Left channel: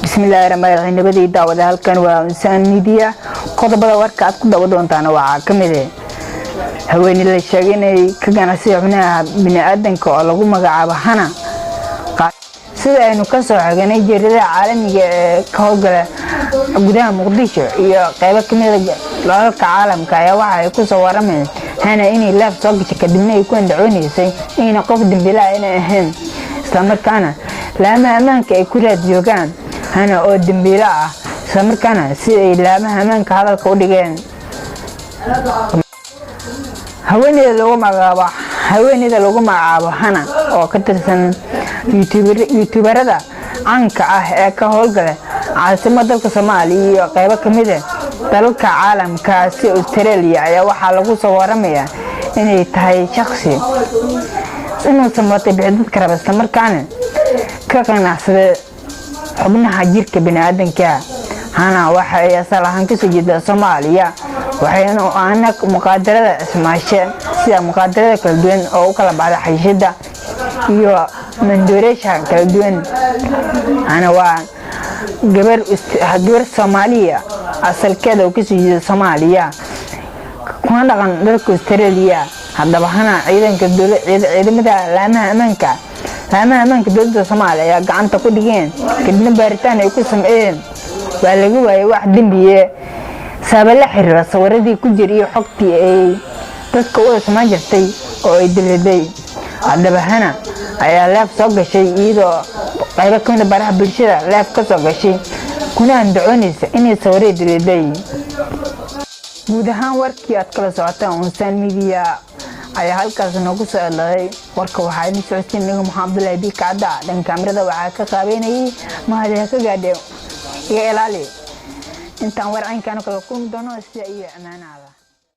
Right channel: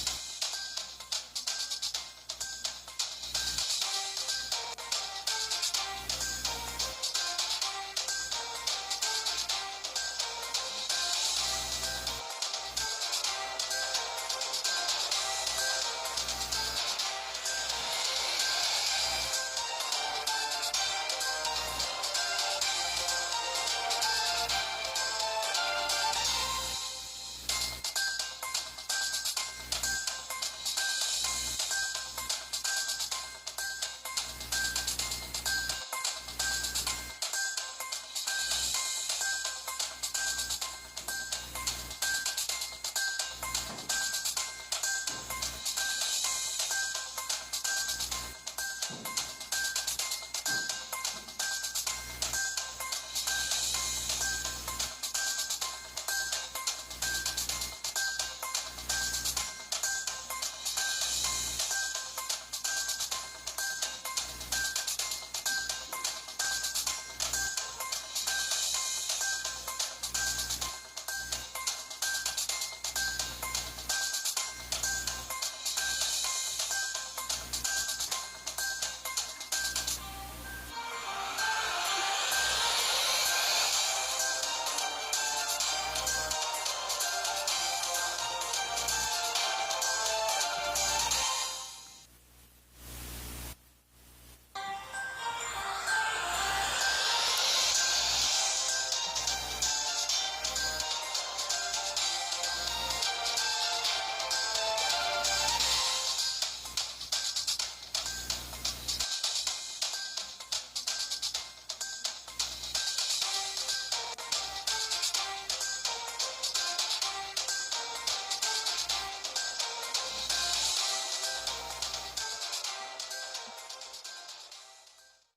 بسم الله الرحمن الرحيم نبدي دعوة هالكن وإنسان ميديا قطبة وركات كده بدون تنوع كمله هوين اللي شاقيني كجانا سيحنا من آدم كألغو مقعبة هنا سيدا إنه كسر حقني جريدة عالمي كهوجة قدام مقديشة يا قيبة كمله لالك عالم كايا واحد يكون صورة من هنا إني لاف صوت تقدمنا يكون دعوني سي إني قفد بلا إنا أهم استمركانا لما أمانك يكون جوجان هنا أو دمبيلا استمركانا سي لما أمانك هذا الكوديجين هويني إذا لوجو معابا هنا أو كترسن يوتيوبر هذا عنك كهولجله عاصمة دولة الصومالية قيبة كمية دولة عالم كاسي أستراليا يا واحد لقوا صورمية إني تهاي شخصي إنه سمعت بعدد كرب استمر كان أحسن حبنا حجير كبني آدم كا هنا واحد يصل هنكسي جدا صوماليا وحينو أنا مقدرة سماشة سيا مقدرة كالدين أو كلا بعد حيشدة يو من دوريشها كالدين أنا gabar Soomaaliya asalkeeda uu ka soo jeedo Soomaaliya kuna dhaqan dalka Australia hadaba hana ciidamada laamaha amaanka dowladda Soomaaliya gacanta ku dhigeen kadibna baaritaan ay ku sameeyeen waa lagu waayay wax dambiye sabab la xiriira sawiradii ku jiray xogtii ay dadka u samayn jirtay oo ay diladay hadaba hana ayaa laaf soo gashay iyadoo qayb ka mid ah baraha bulshada laaf ka soo gashay kuna andacoonaysa inay sawirada diladay guud ahaan warkii aad kala socotaan Unsaan Media ayaa halkaas noogu soo dhacay warka waxaa idin socodsiin niga Maxamed Abdi Kacda dhan kaamirada waxaa ka qaabeynayay mahadiya ka gaadhay iga ilaali intaan warcankan kala kulmi doono si ay amaanada